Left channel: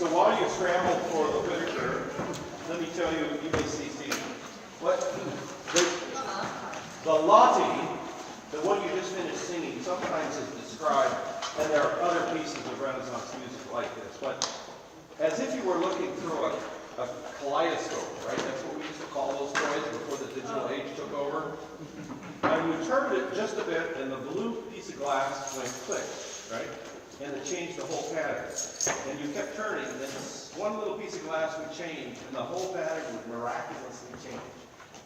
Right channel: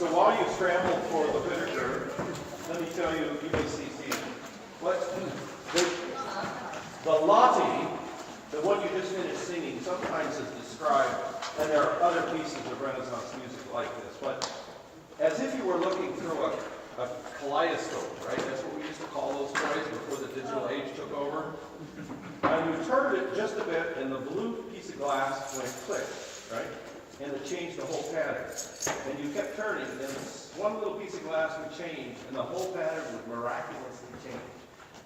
So while you scramble for the literature, let me tell you, you may see, what the Lottie, the one you just finished singing, sometimes is described, and there are other pieces of Renaissance music like this, but as if you were looking through a kaleidoscope, right? That's what we used to call those toys before the digital age took over. And you turned it just a bit, and the blue piece of glass went click, right? And it changed the whole pattern. And you kept turning, and then this one little piece of glass would change, and the whole pattern would miraculously change.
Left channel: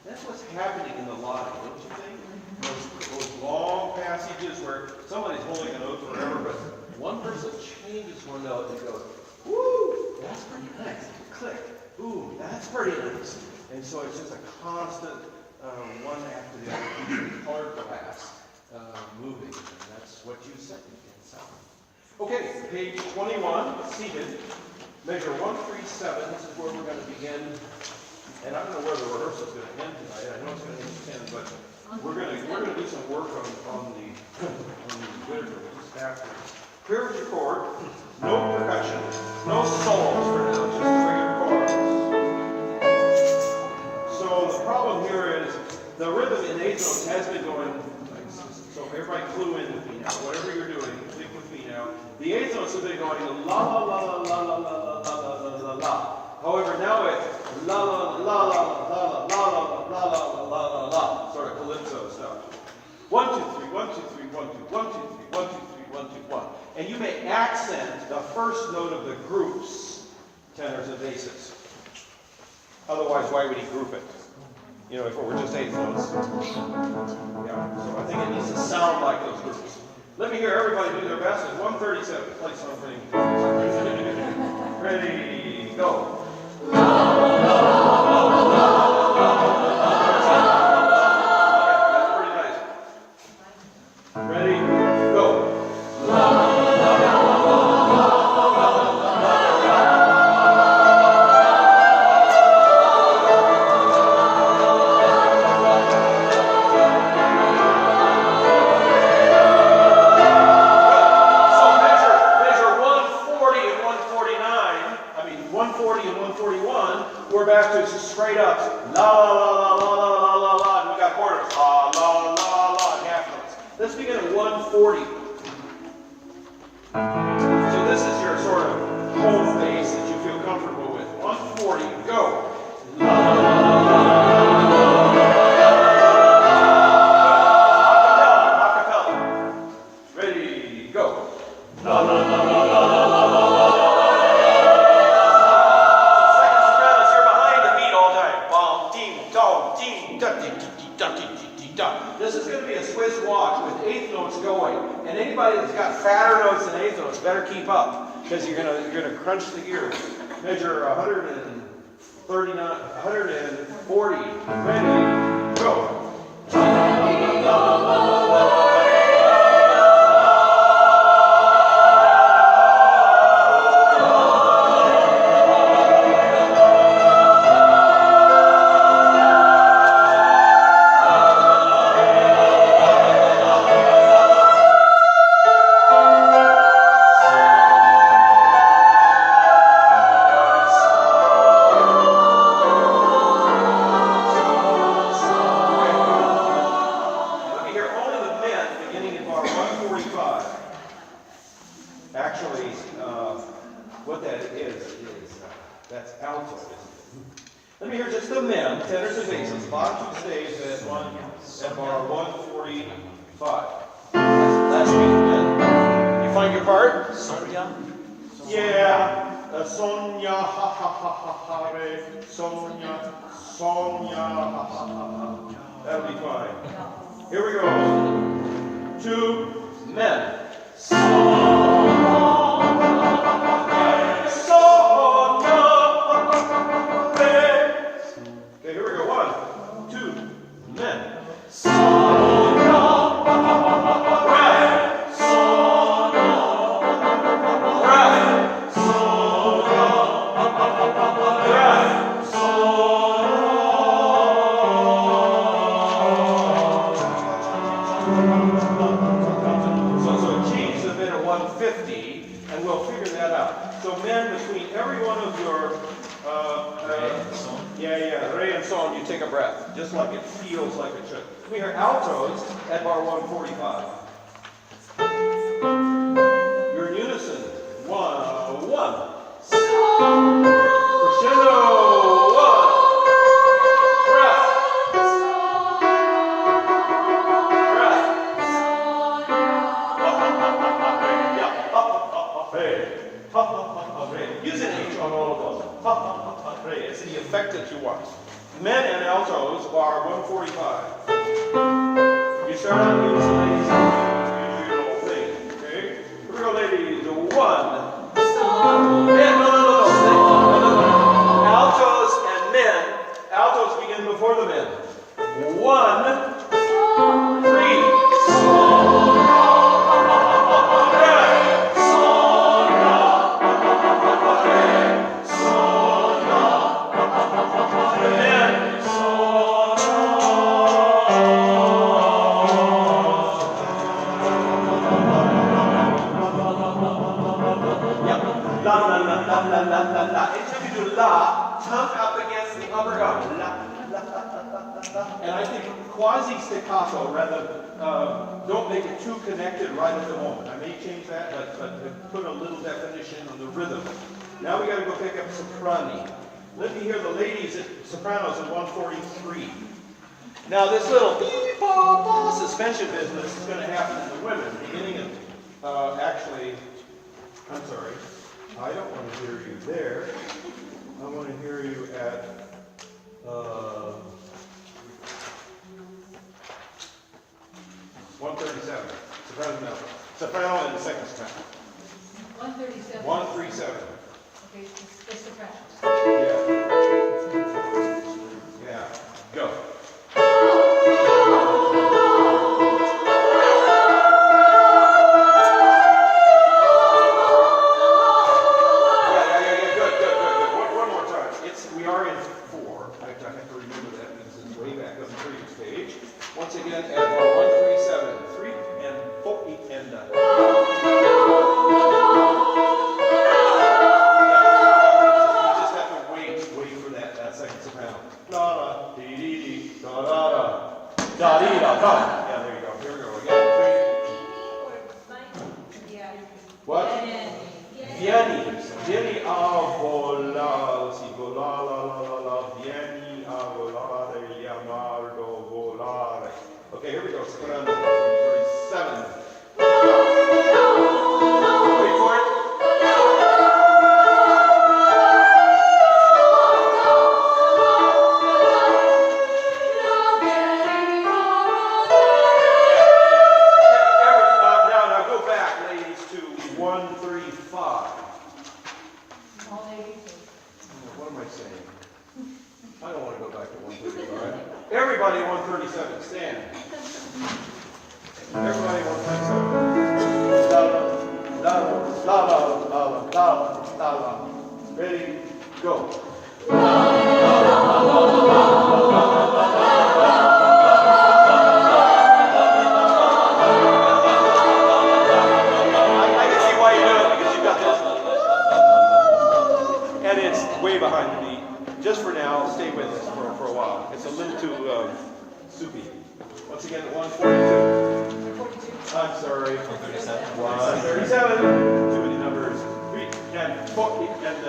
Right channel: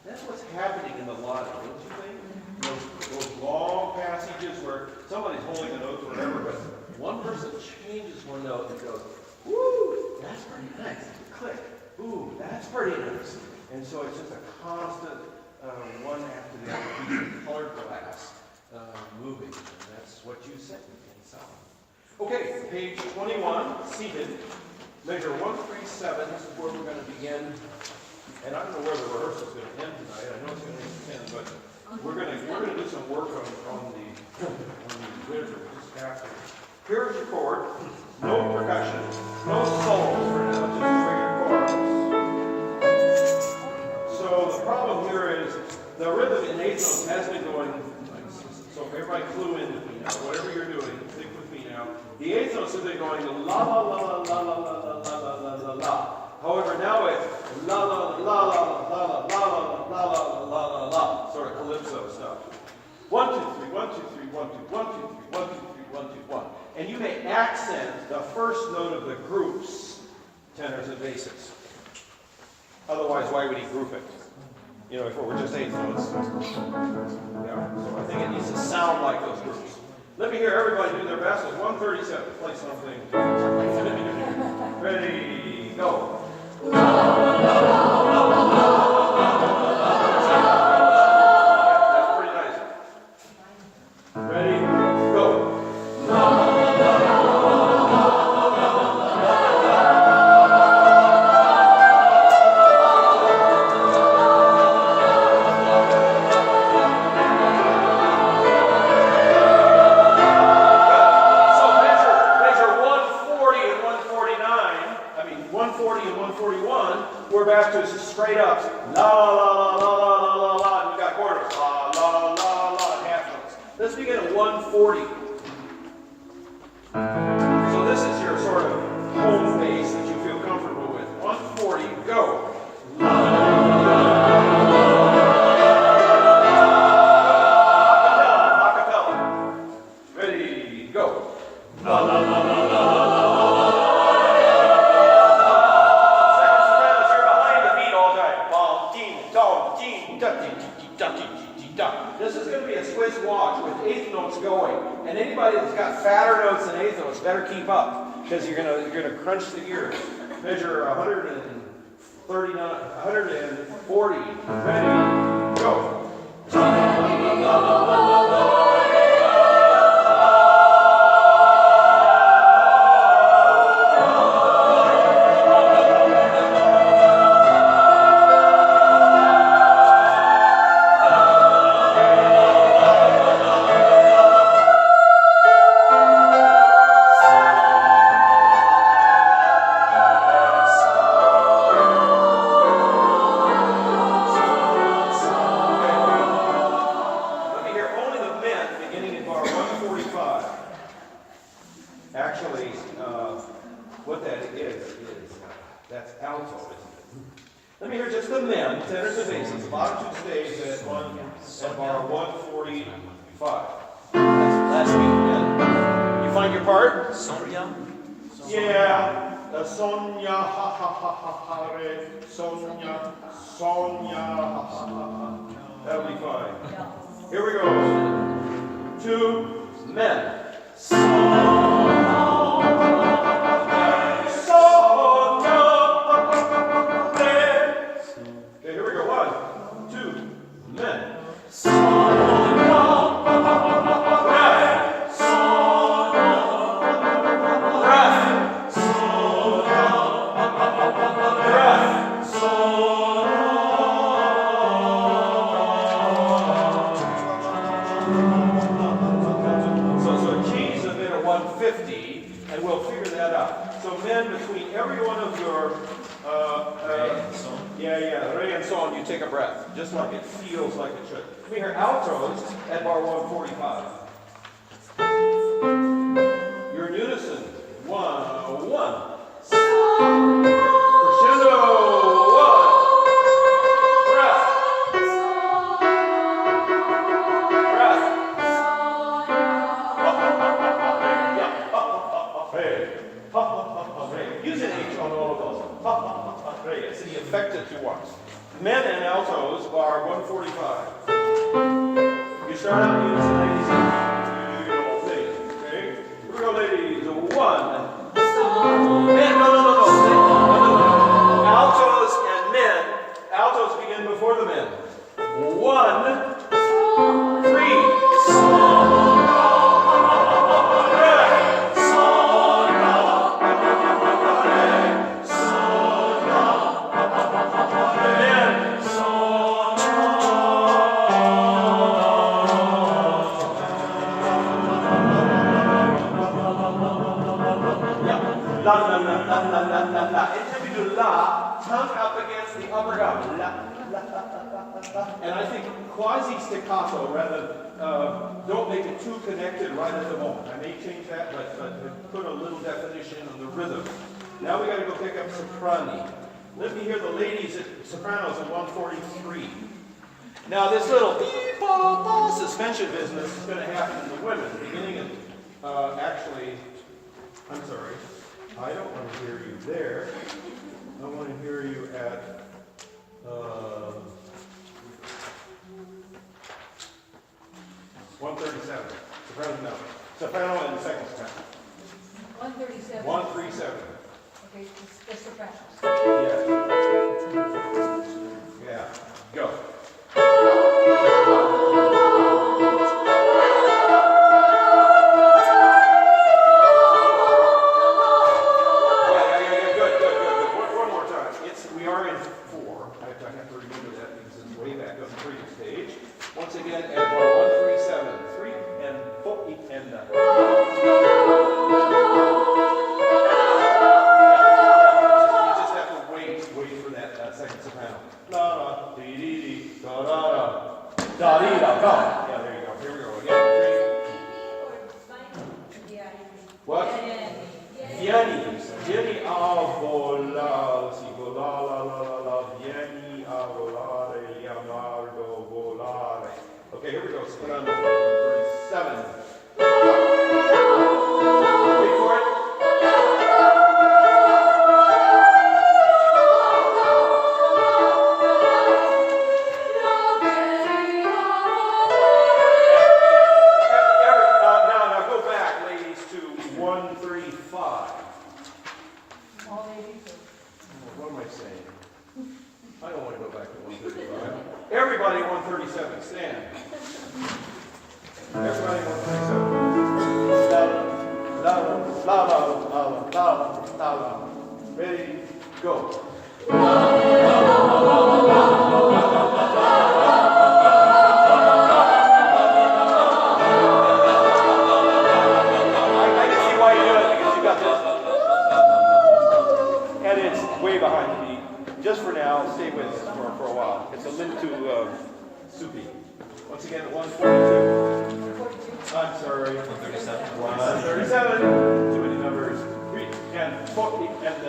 That's what's happening in the Lottie, don't you think? Those long passages where somebody's holding a note forever, but one person changes one note and it goes, woo, that's pretty nice. Click, ooh, that's pretty nice. And so it's just a constant one after the other piece of colored glass moving, and that's what you said in sound. Okay, page 21, seated. Measure 137. This is where we're going to begin. And I don't know where the rehearsal is going to end tonight. I know it's going to end 10, but we're going to do some work on the literature. We'll just have to. Here's your chord. No percussion. No solos for now. Just regular chords. So the problem here is the rhythm in eighth notes has been going like this. So everybody clue in with me now. Whatever you're doing, think with me now. The eighth notes have been going la la la la la la la la la la la. However, now it's la la la la la la la la la la la la la, sort of calypso stuff. 1, 2, 3, 1, 2, 3, 1, 2, 1, 2, 3, 1, 2, 3, 1, 2, 1. And you may accent the first note of the groups, tenors and basses. Otherwise, why would he group it? You know, if it were just eighth notes. Yeah, so I think it needs to sound like those groups. Let me hear everybody do their best. It's 137. Play something. Ready, go. That's pretty nice. Ready, go. We're back to straight up. La la la la la la la la, and we got quarters. La la la la, and half notes. Let's begin at 140. So this is your sort of home base that you feel comfortable with. 140, go. La la la la la. Acapella. Ready, go. La la la la la la la. This is going to be a Swiss watch with eighth notes going, and anybody that's got fatter notes than eighth notes better keep up because you're gonna crunch the ears. Measure 139, 140. Ready, go. Actually, what that is that's alto, isn't it? Let me hear just the men, tenors and basses, bottom two staves at bar 145. Last beat, men. You find your part? Sonia. Yeah. Sonia, ha ha ha ha ha, re. Sonia, Sonia, ha ha ha ha. That'll be fine. Here we go. Two men. Okay, here we go. 1, 2, men. So it changes a bit at 150. that out. So men, between every one of your, re and son, you take a breath, just like it feels like it should. Come here, altos at bar 145. You're in unison. 1, 1. Crescendo. 1. Breath. Use an H on all of those. It's the effect that you want. Men and altos are 145. You start out in unison, ladies, and you do your whole thing. Okay? Here we go, ladies. 1. Men, no. Altos and men. Altos begin before the men. 1, 3. La. Until you do la, tongue up against the upper gum. La. And I think quasi staccato rather. Don't make it too connected right at the moment. I may change that, but put a little definition on the rhythm. Now we got to go pick up soprani. Let me hear the ladies at sopranos at 143. Now this little beep-bop suspension business is going to happen in the women, beginning at actually. I'm sorry. I don't want to hear you there. I want to hear you at 137. Soprano no. Soprano and the second soprano. 137. 137. Okay, the sopranos. Yeah. Yeah. Go. We are in 4. I have to remember that because it's way back on the previous page. Once again, at bar 137, 3 and 4 and you just have to wait for that second soprano. La da dee dee dee da da da dee da da. Yeah, there you go. Here we go again. What? Vieni a volare, si vola la, vieni a volare, Leonardo volare. Okay, here we go. Soprano 37. Wait for it. Now go back, ladies, to 135. What am I saying? I don't want to go back to 135. Everybody 137, stand. Everybody 137. La la la la la la la. Ready, go. Way behind the beat. Just for now, stay with us for a while. It's a little too soupy. Once again, 142. I'm sorry. 137. 137. Too many numbers. 3 and 4 and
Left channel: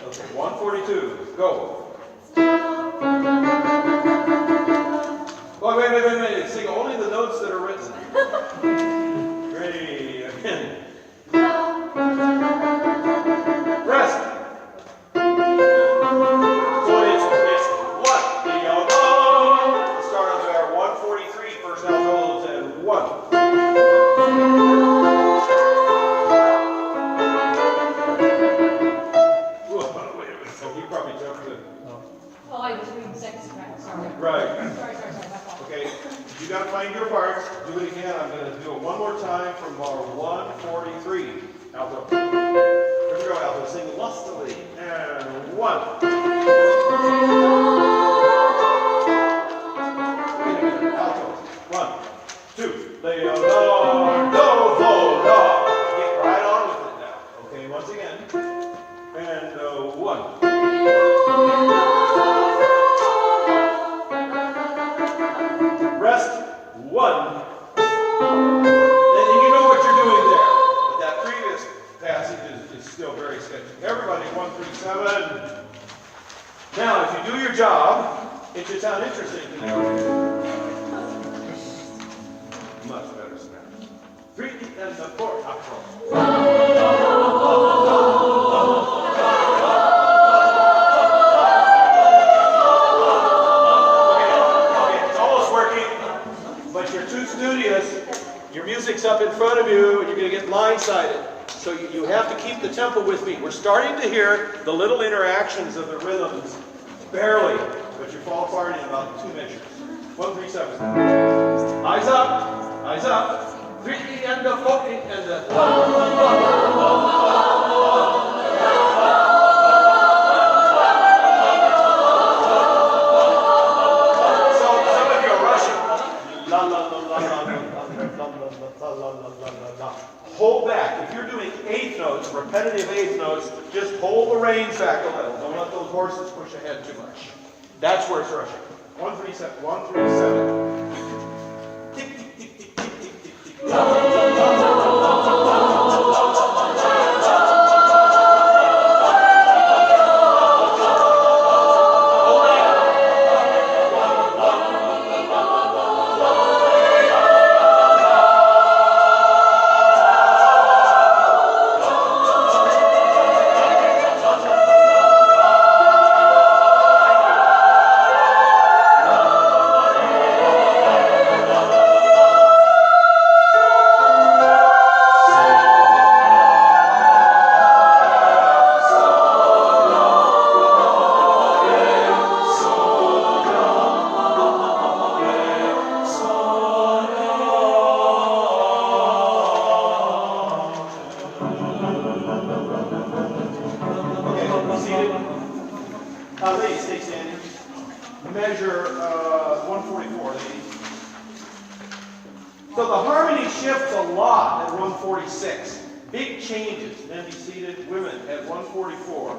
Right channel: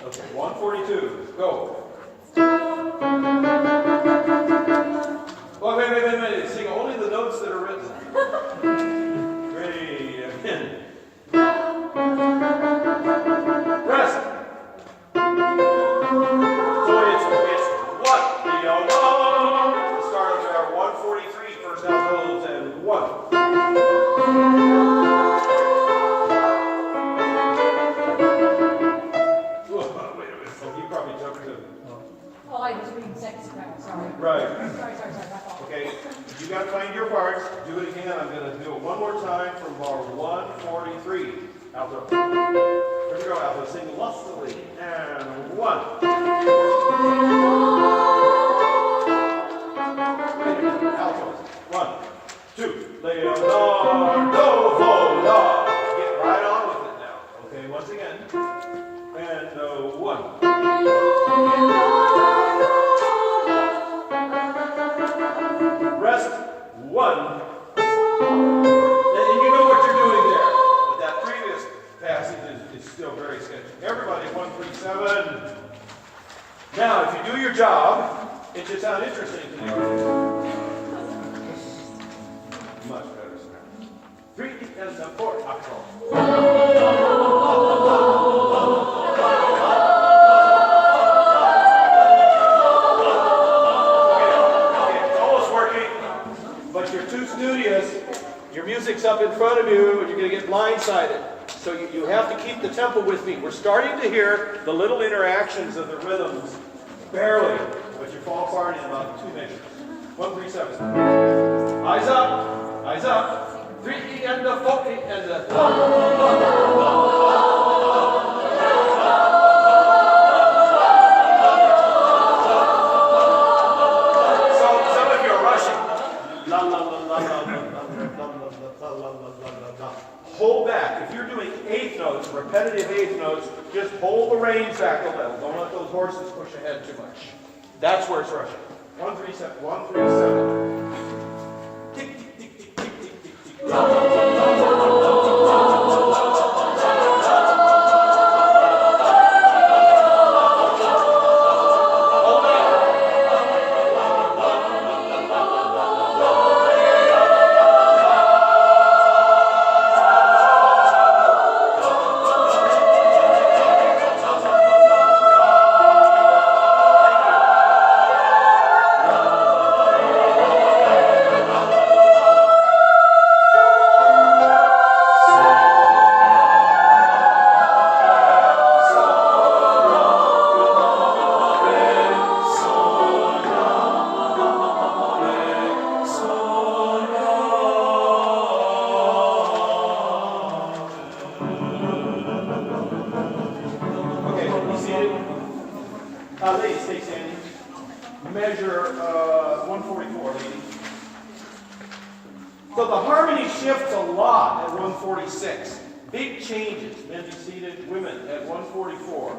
Okay, 142, go. Right. Sorry, my fault. Okay, you got to find your parts. Do it again. I'm going to do it one more time from bar 143. Alto. Here we go, alto. Sing lustily. And 1. Wait a minute. Alto. 1, 2. Leonardo, do, get right on with it now. Okay, once again. And 1. Rest 1. And you know what you're doing there. But that previous passage is still very sketchy. Everybody, 137. Now, if you do your job, it should sound interesting to you. Much better sound. 3 and the 4 octave. But you're too studious, your music's up in front of you, and you're going to get blindsided. So you have to keep the tempo with me. We're starting to hear the little interactions of the rhythms, barely, but you fall apart in about 2 measures. 1, 3, 7. Eyes up, 3 and the 4 and the... Hold back. If you're doing eighth notes, repetitive eighth notes, just hold the reins back a little. Don't let those horses push ahead too much. That's where it's rushing. 1, 3, 7. 1, 3, 7. Tick, tick, tick, tick, tick, tick, tick, tick. Ladies, stay standing. Measure 144, ladies. So the harmony shifts a lot at 146. Big changes. Men be seated, women at 144.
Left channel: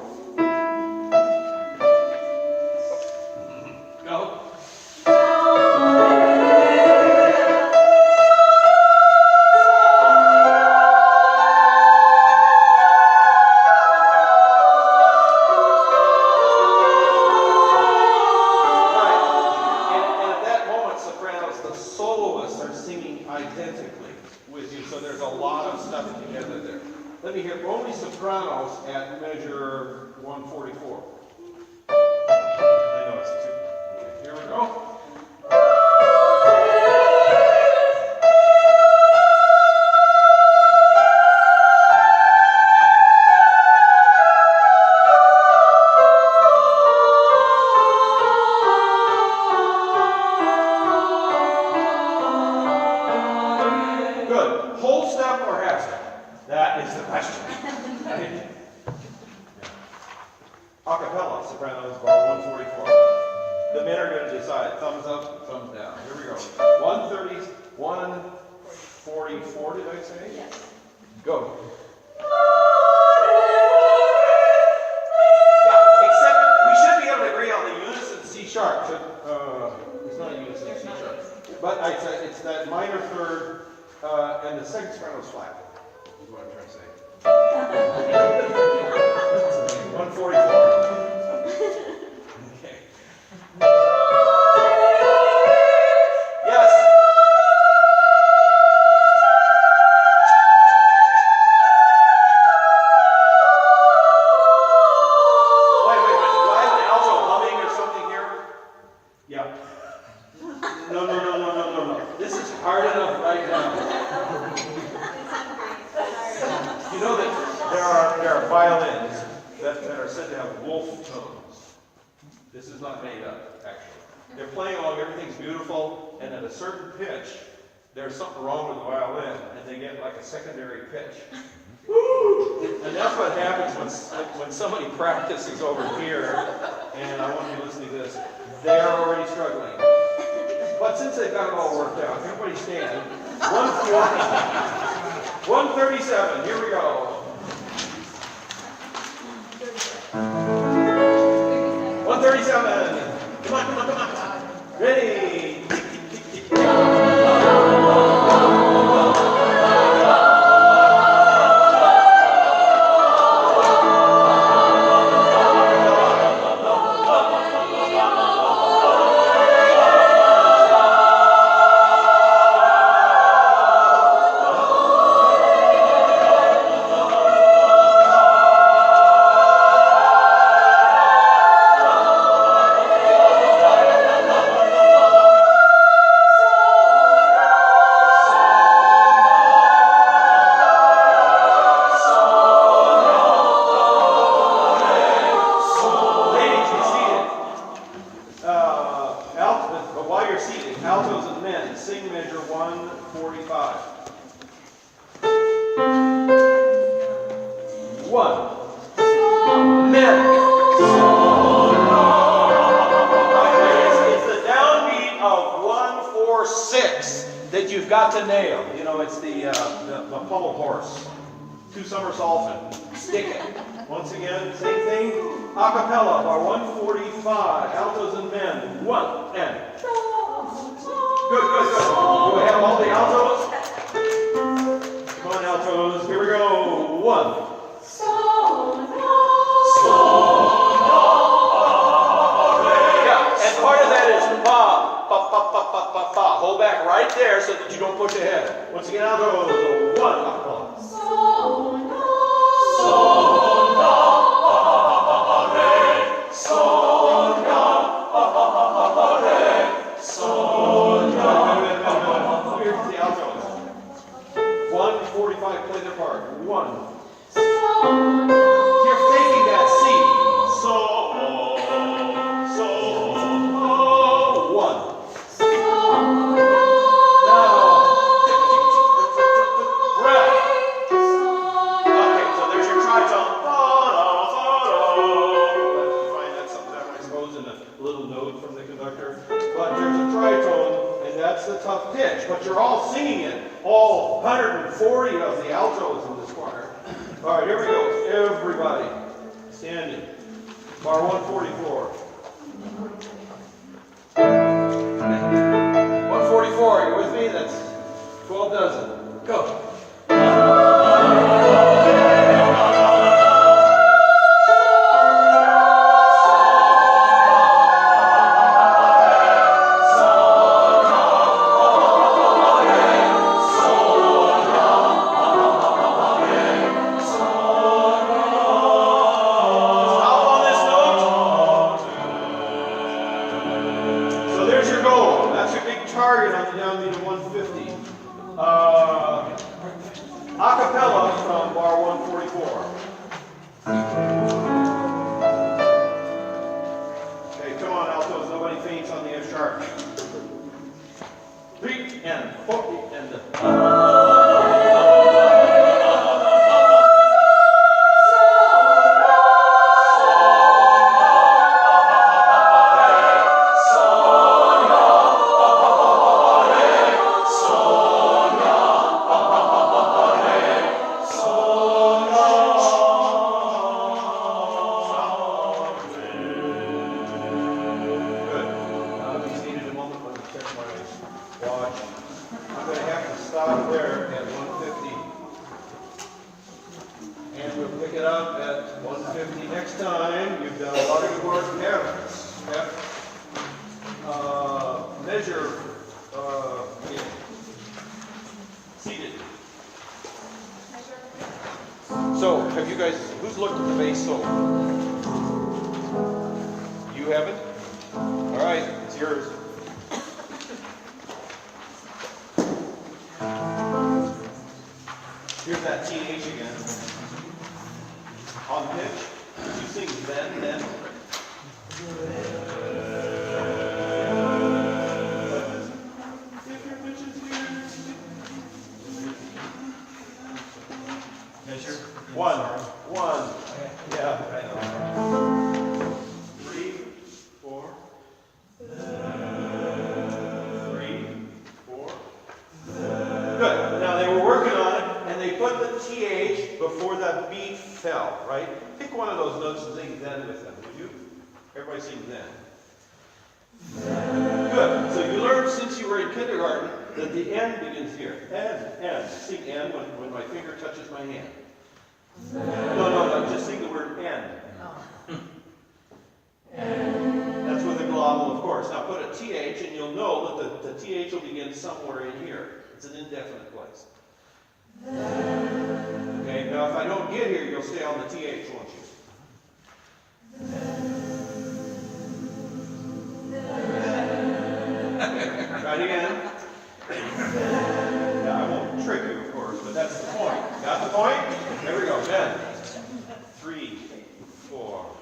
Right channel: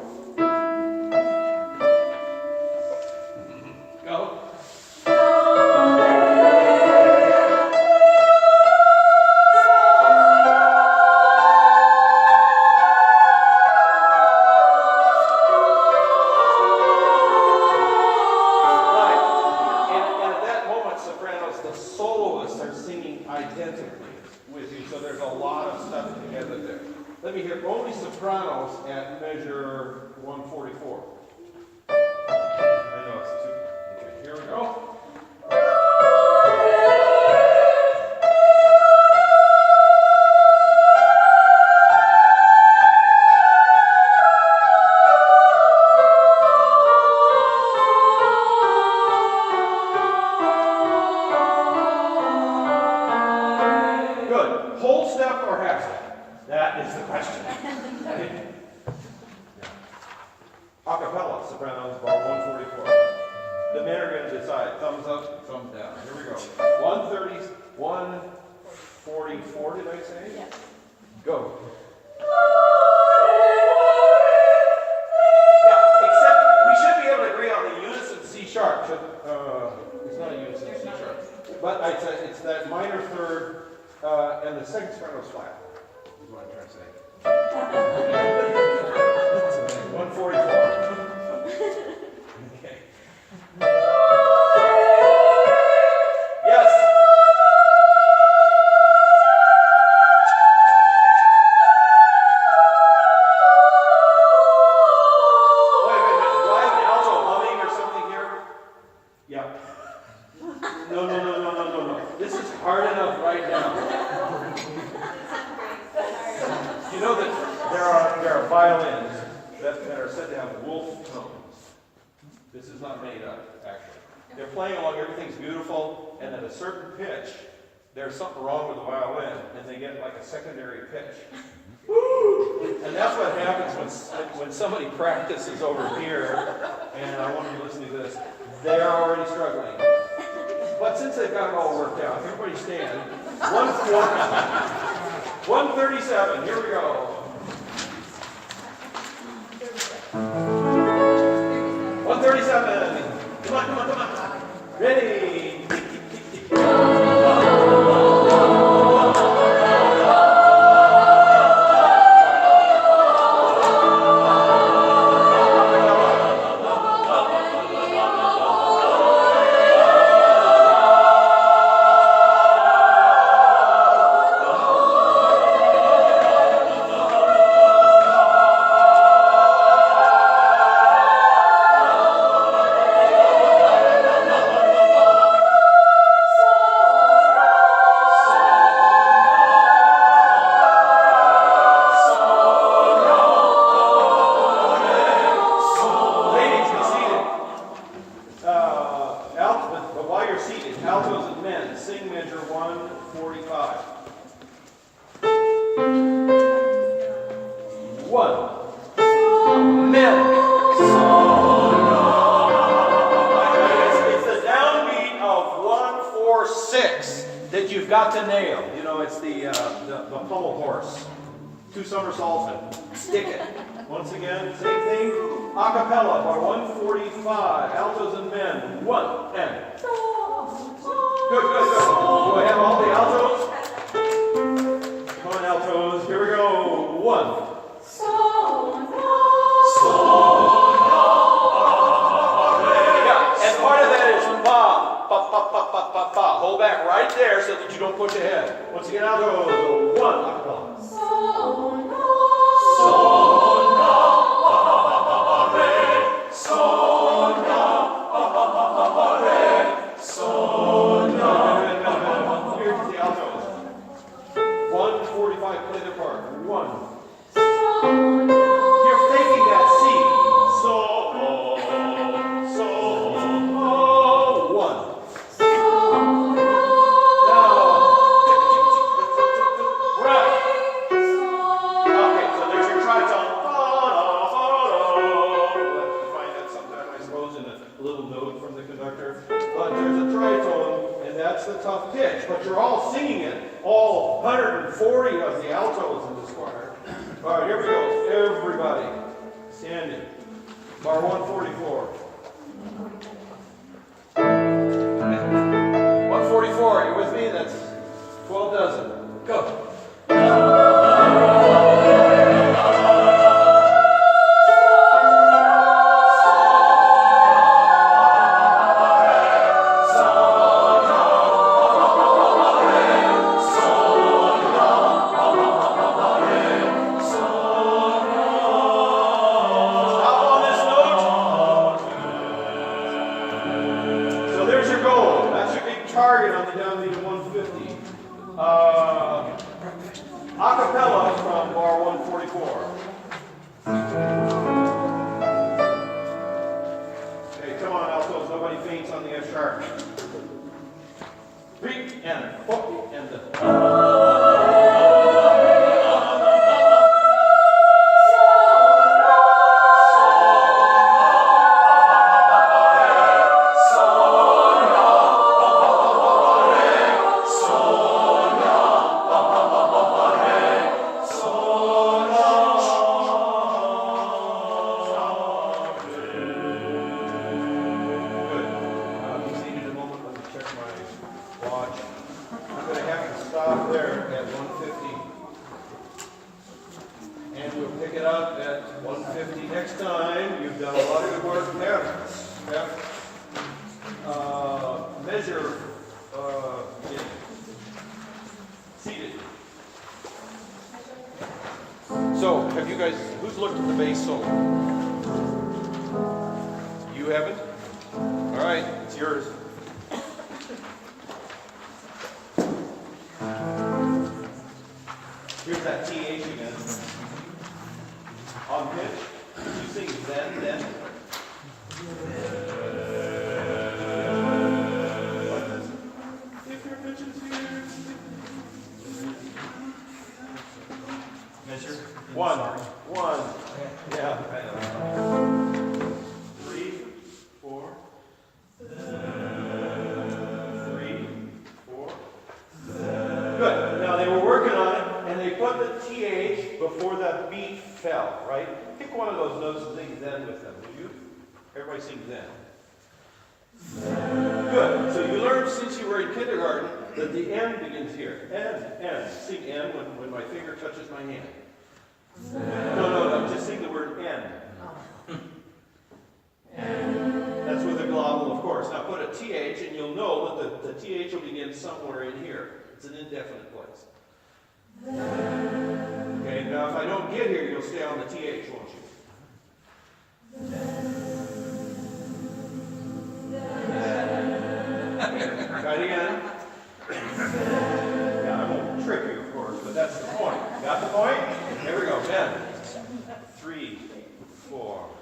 Go. Identically with you, so there's a lot of stuff together there. Let me hear only sopranos at measure 144. I know it's 2. Okay, here we go. Whole step or half step? That is the question. Acapella, sopranos, bar 144. The men are going to decide. Thumbs up, thumbs down. Here we go. 130, 144, did I say? Yes. Go. Yeah, except we should be able to agree on the unison C sharp. It's not a unison C sharp. But it's that minor third. And the second soprano is flat, is what I'm trying to say. 144. Okay. Yes. Wait. Do I have an alto humming or something here? Yeah. No. This is hard enough right now. You know that there are violins that are said to have wolf tones. This is not made up, actually. They're playing along, everything's beautiful, and at a certain pitch, there's something wrong with the violin, and they get like a secondary pitch. Woo! And that's what happens when somebody practices over here, and I want you to listen to this, they're already struggling. But since they've got it all worked out, everybody stand. 137, here we go. 137. Come on, come on, come on. Ready. But while you're seated, altos and men, sing measure 145. 1. Men. It's the downbeat of 146 that you've got to nail. You know, it's the pommel horse. 2 somersaults and stick it. Once again, same thing. A cappella bar 145. Altos and men. 1 and. Good, good, good. Do I have all the altos? Come on, altos. Here we go. 1. Yeah, and part of that is pa, pa, pa, pa, pa, pa, pa. Hold back right there so that you don't push ahead. Once again, altos. 1. A cappella. Play their part. 1. You're faking that C. So, 1. Now, right. Okay, so there's your tritone. You find that sometime, I suppose, in a little note from the conductor. But there's a tritone, and that's the tough pitch. But you're all singing it. All 140 of the altos in this choir. All right, here we go. Everybody, standing. Bar 144. 144, you with me? That's 12 dozen. Go. Target on the downbeat of 150. A cappella from bar 144. Okay, come on, altos. Nobody faints on the F sharp. 3 and 4 and the. Watch. I'm going to have to stop there at 150. And we'll pick it up at 150 next time. You've done a lot of good work. Measure seated. So, have you guys, who's looked at the bass solo? You haven't? All right, it's yours. Here's that TH again. On pitch, you sing then. Good. Now they were working on it, and they put the TH before the beat fell, right? Pick one of those notes and sing then with them, would you? Everybody sing then. Good. So you learned since you were in kindergarten that the N begins here. N. Sing N when my finger touches my hand. No. Just sing the word N. That's with a glottal, of course. Now put a TH, and you'll know that the TH will begin somewhere in here. It's an indefinite place. Okay, now if I don't get here, you'll stay on the TH, won't you? Try it again. Yeah, I won't trick you, of course, but that's the point. Got the point? There we go. Then 3, 4.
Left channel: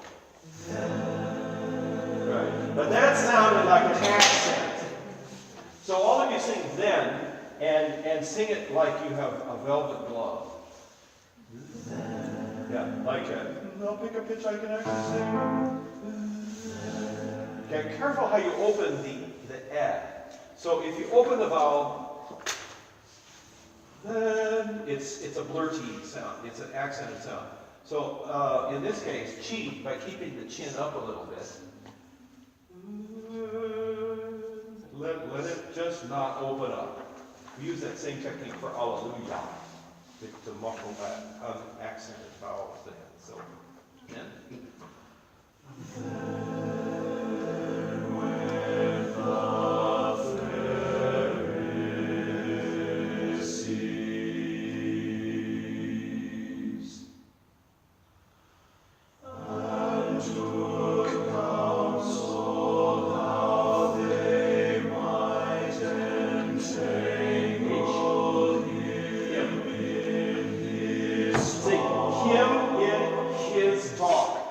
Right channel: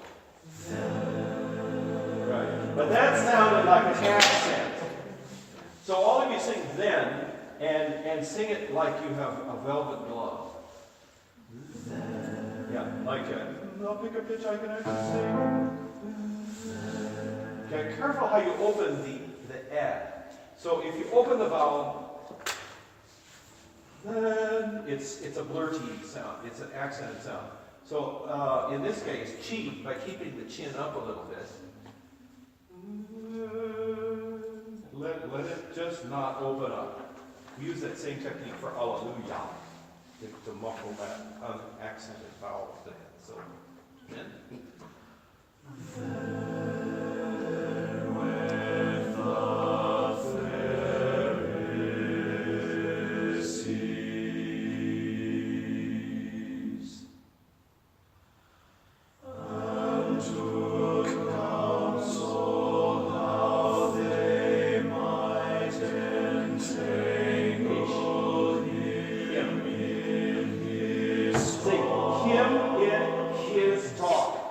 Right. But that sounded like an accent. So all of you sing then, and sing it like you have a velvet glove. Yeah, like I'll pick a pitch I can actually sing. Okay, careful how you open the ed. So if you open the vowel, then it's a blurty sound. It's an accented sound. So in this case, cheat by keeping the chin up a little bit. Let it just not open up. We use that same technique for Alleluia to muffle that unaccented vowel at the end. So, then.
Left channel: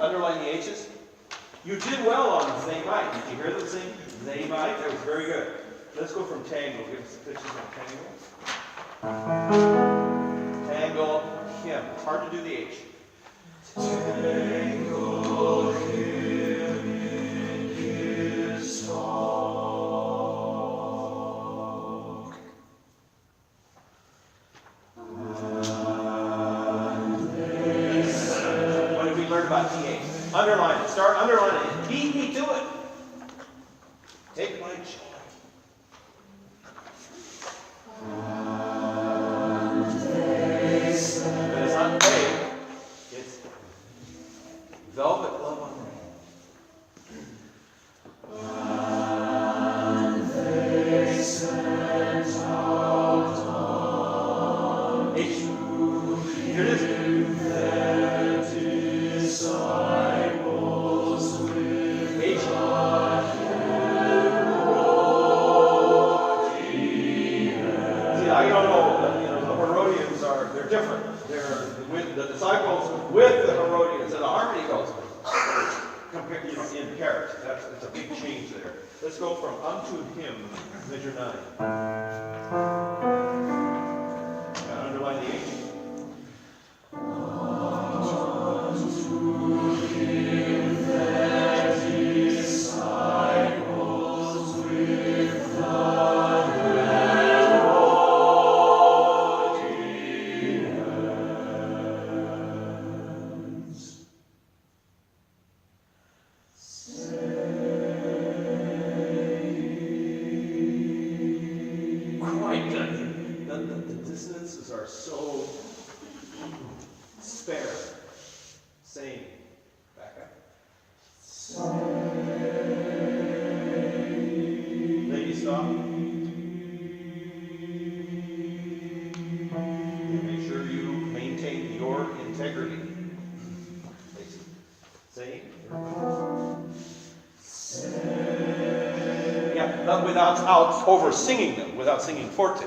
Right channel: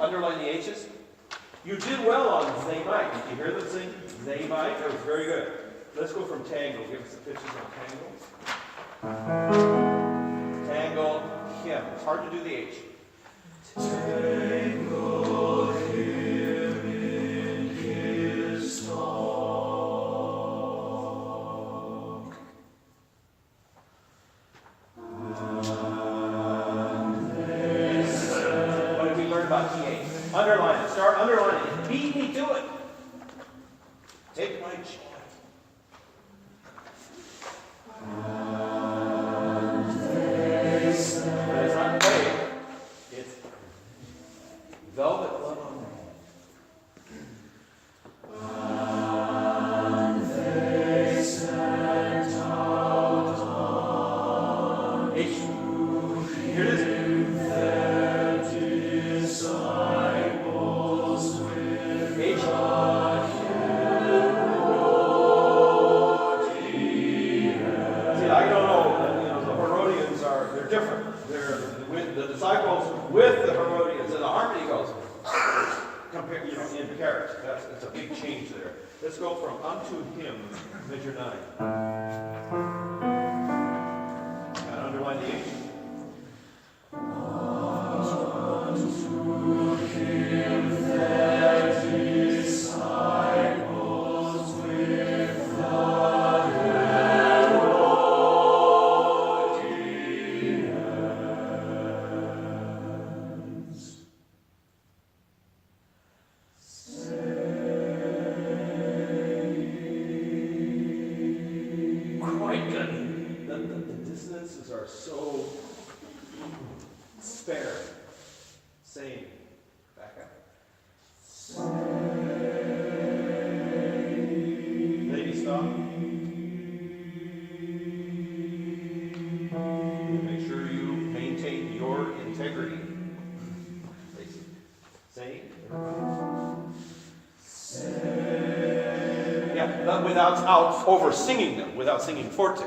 Underline the H's. You did well on they might. Did you hear them sing? They might. That was very good. Let's go from tangle. Give us the pitches on tangle. Tangle, him. It's hard to do the H. Tangle him in his talk. What did we learn about TH? Underline it. Start underlining it. Beat me to it. Take my joy. But it's not paid. It's velvet glove on the hand. H. Here it is. Different. They're with the disciples with the Herodians, and the harmony goes compare, in character. It's a big change there. Let's go from unto him, measure 9. And underline the H. Unto him that disciples with the are so spare. Same. Back up. Lady, stop. Make sure you maintain your integrity. Lacey. Same. Yeah, but without over singing them, without singing forte.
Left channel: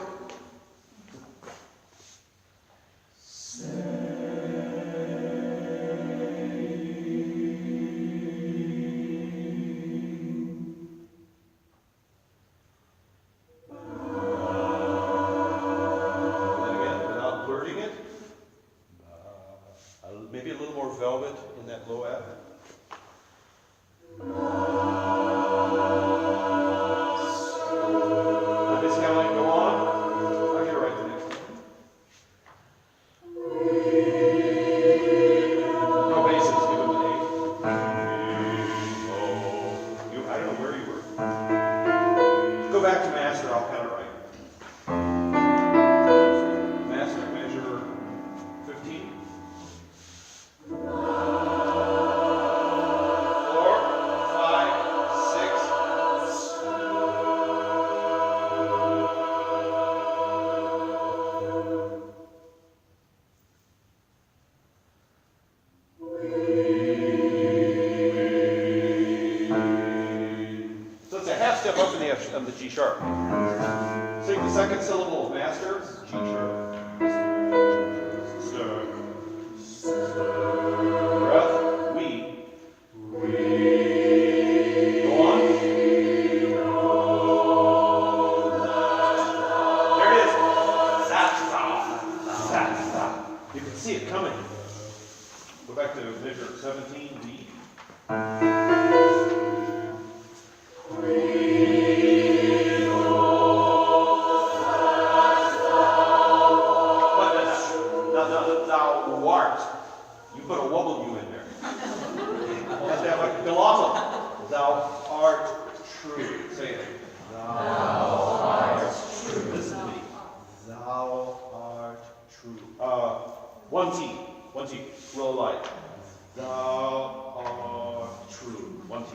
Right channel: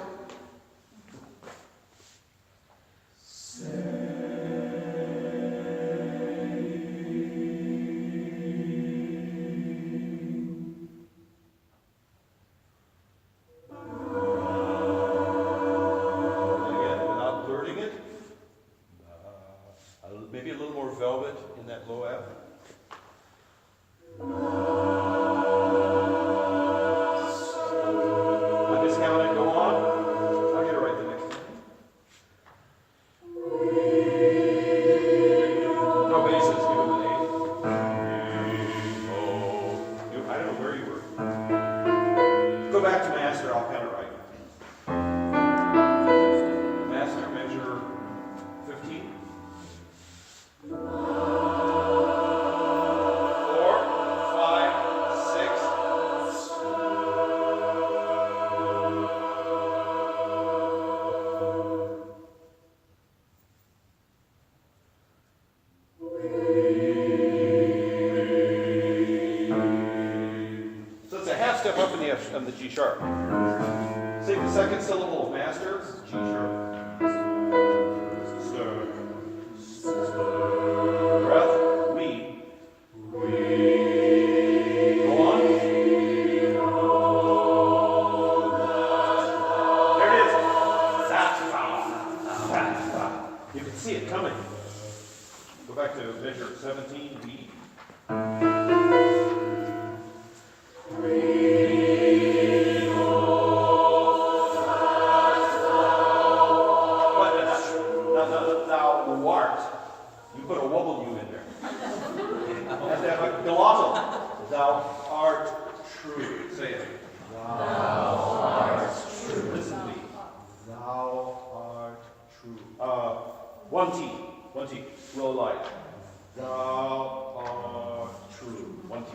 Maybe a little more velvet in that low F. Undiscounted, go on. master, I'll count it right. Master, measure 15. 4, 5, 6. So it's a half step up in the F, of the G sharp. Sing the second syllable of master, G sharp. Breath, we. Go on. There it is. Za, za, za, za. You can see it coming. Go back to measure 17, we. Thou art. You put a W in there. You have to have a glottal. Thou art true. Say it. Thou art true. Listen to me. Thou art true. One T. One T. Low light. Thou art true. One T.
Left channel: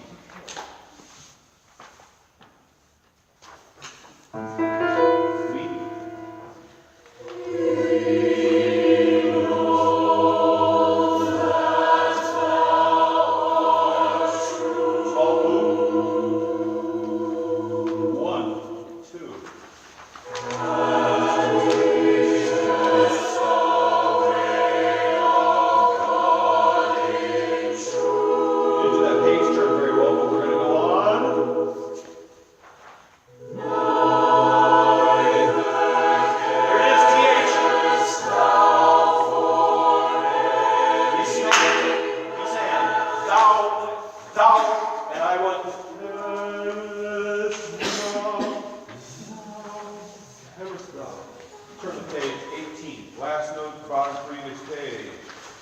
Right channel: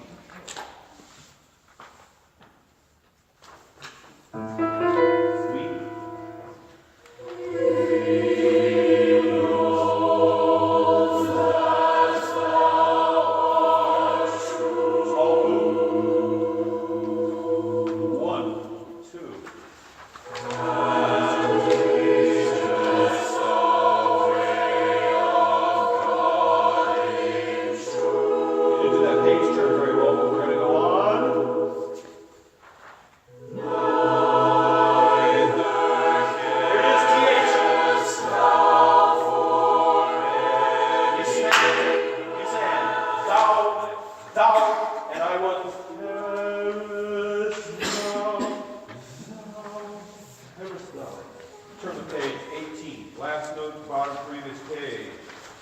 Turn the page, 18. Last note, bottom previous page.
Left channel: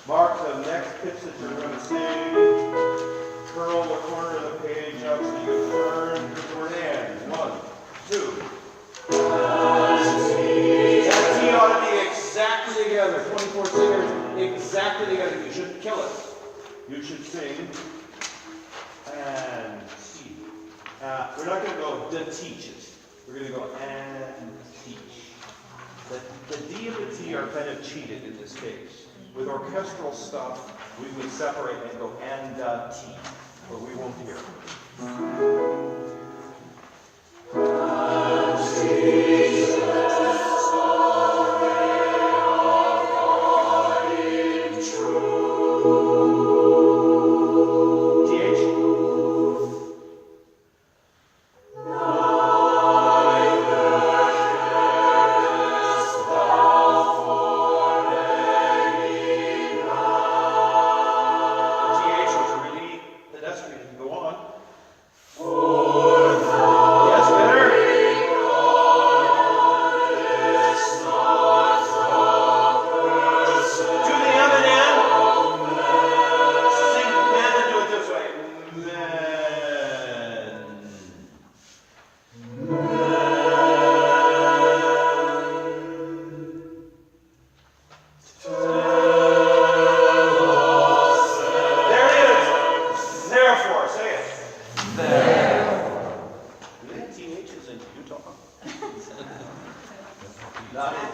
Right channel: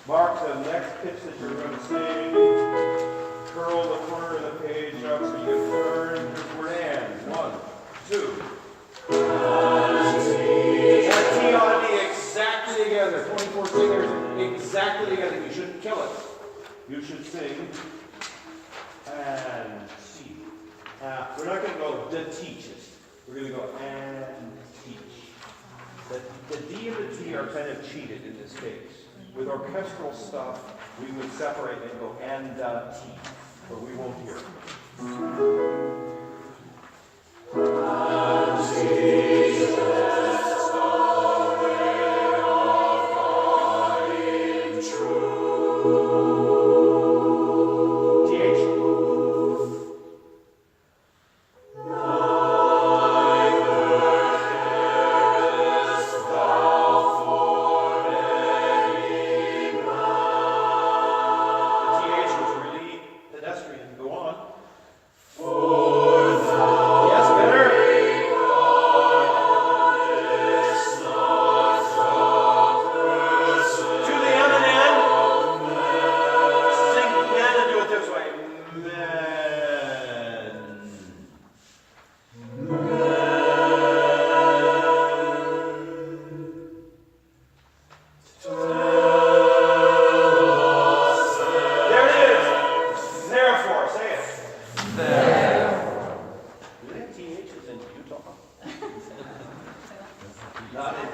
Mark the next pitch that you're going to sing. Curl the corner of the page up so you turn. Here's the word and. 1, 2. And the T ought to be exactly together. 24 singers exactly together. You shouldn't kill it. You should sing and teach. We're not going to go the teaches. We're going to go and teach. The D and the T are kind of cheated in this case. With orchestral stuff, we would separate and go and T, but we won't hear it.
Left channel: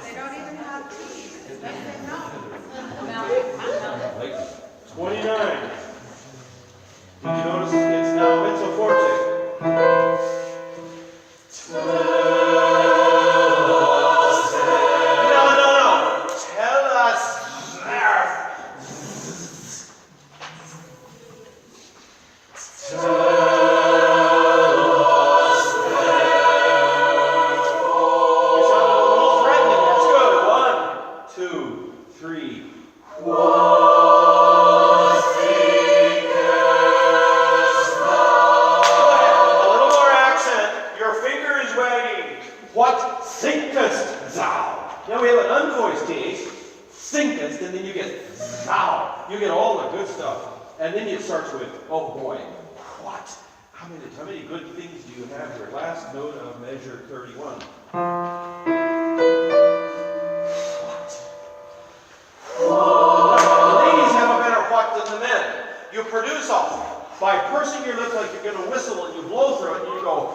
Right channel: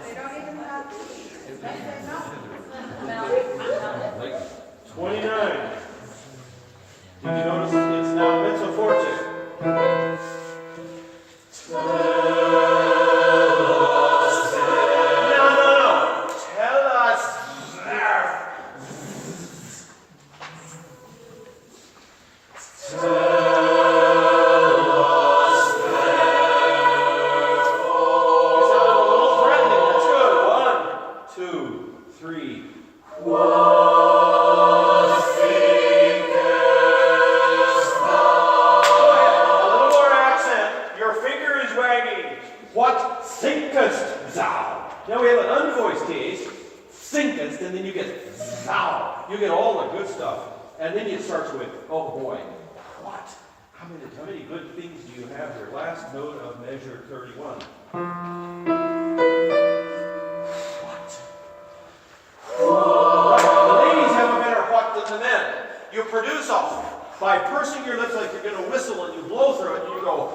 They don't even have teeth. Let them know. 29. Did you notice it's now mezzo forte? No. Tell us. What thinkest thou? Now we have an unvoiced case, thinkest, and then you get thou. You get all the good stuff. And then it starts with, oh boy, what? How many good things do you have here? Last note of measure 31. The ladies have a better what than the men. You produce by pursing your lips like you're going to whistle and you blow through it and you go,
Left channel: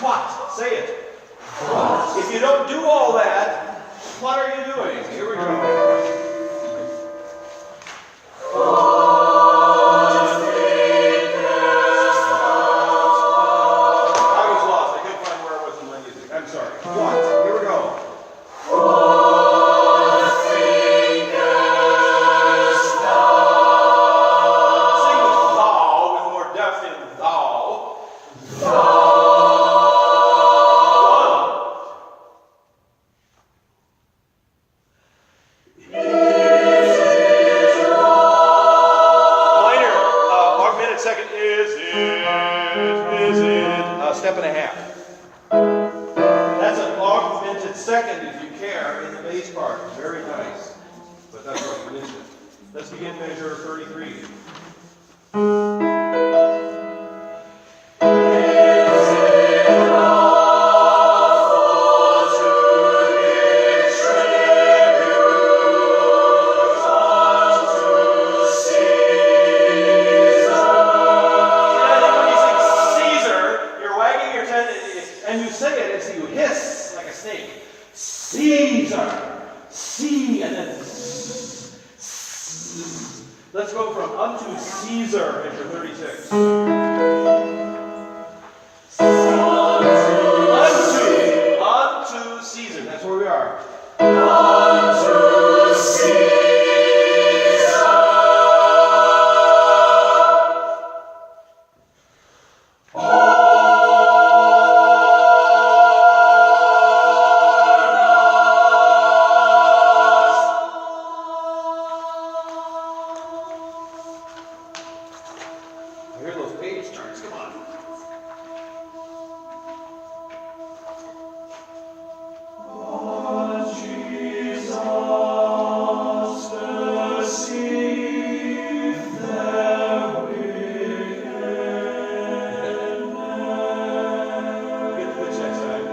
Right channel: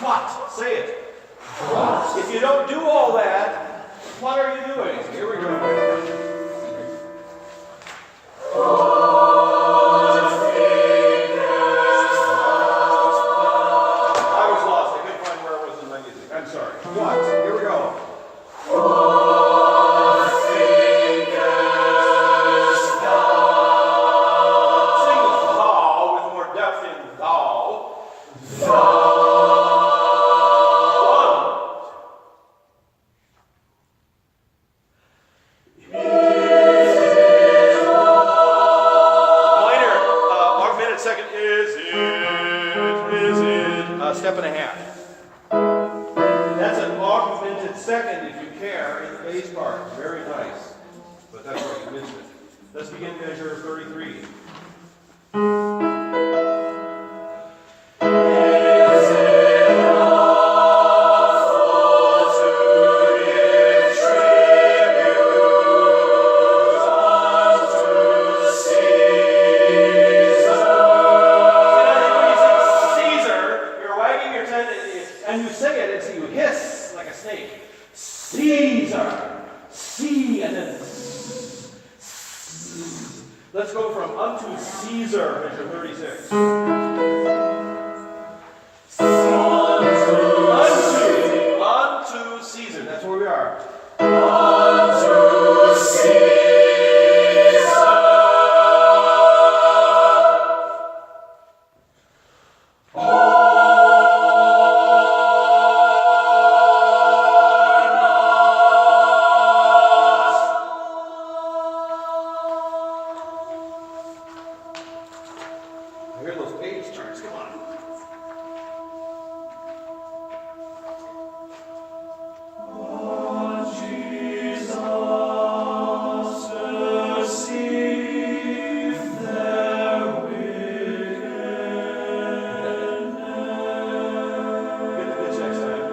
what? Say it. What? If you don't do all that, what are you doing? Here we go. Step and a half. That's an augmented second, if you care, in the bass part. Very nice. But that's where you missed it. Let's begin measure 33. And you say it as you hiss like a snake. Caesar. C and then let's go from unto Caesar, measure 36. Unto Caesar. That's where we are. Unto Caesar. I hear those page starts. Come on. Oh, Jesus, receive their wickedness. Get the pitch next time.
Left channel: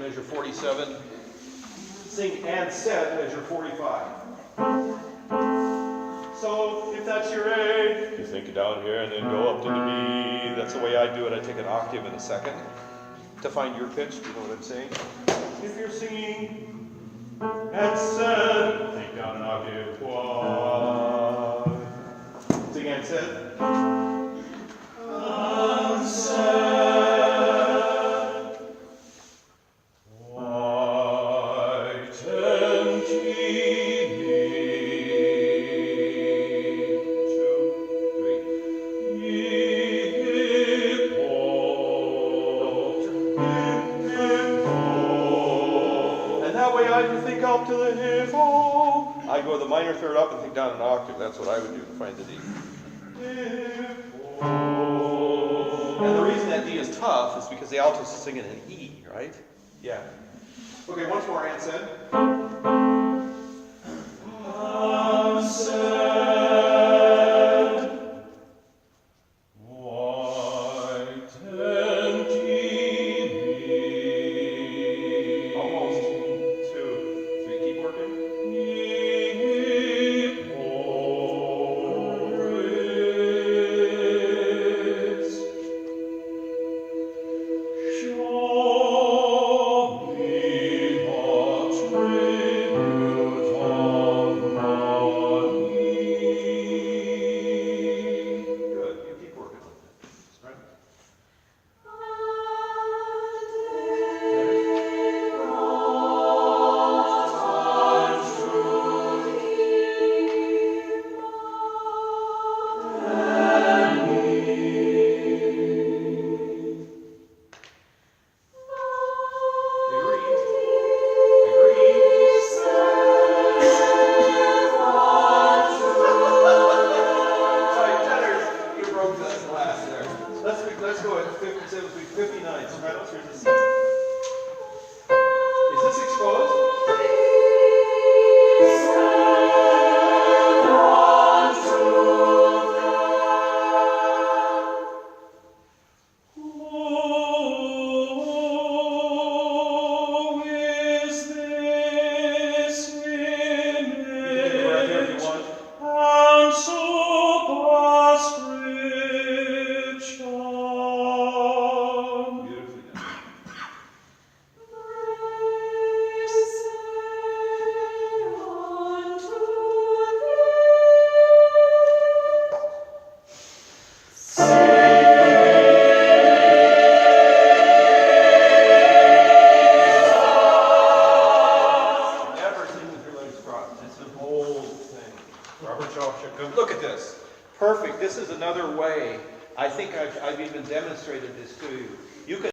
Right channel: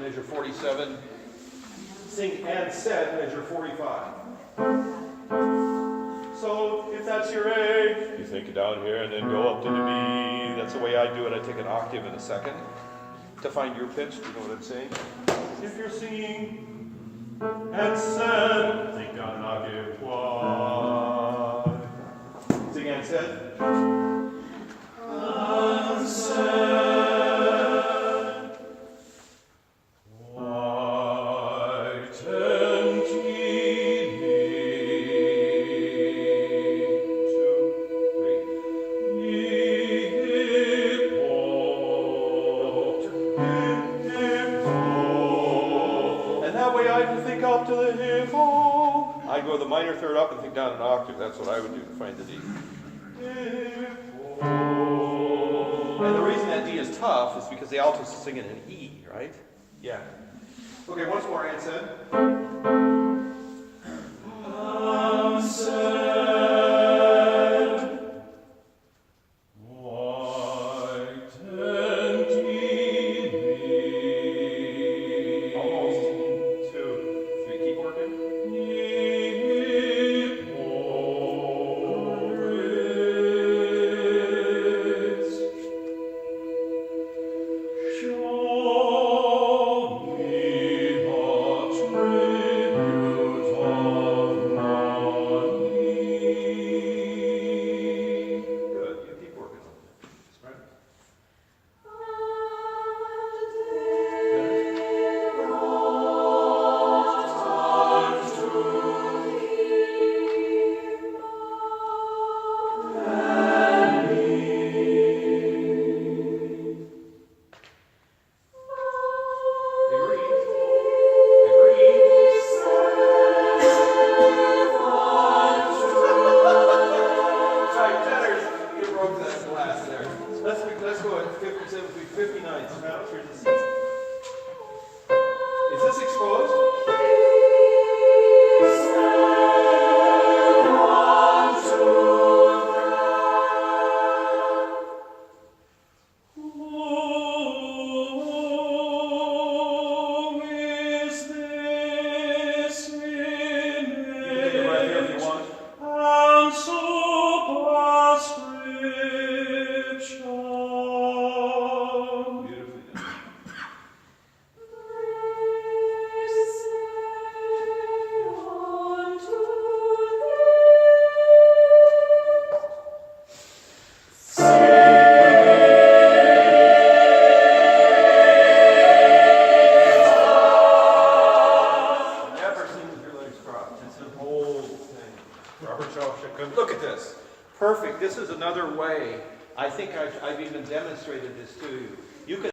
Measure 47. Sing and said, measure 45. So if that's your A, you think it down here and then go up to the B. That's the way I do it. I take an octave in a second to find your pitch. Do you know what I'm saying? If you're singing and said, think down an octave. Why? Sing and said. And said. I can think up to the hip, oh. I go the minor third up and think down an octave. That's what I would do to find the D. And the reason that D is tough is because the altos sing it in E, right? Yeah. Okay, once more, and said. Show me the whole thing. Robert Shaw should come. Look at this. Perfect. This is another way. I think I've even demonstrated this to you. You can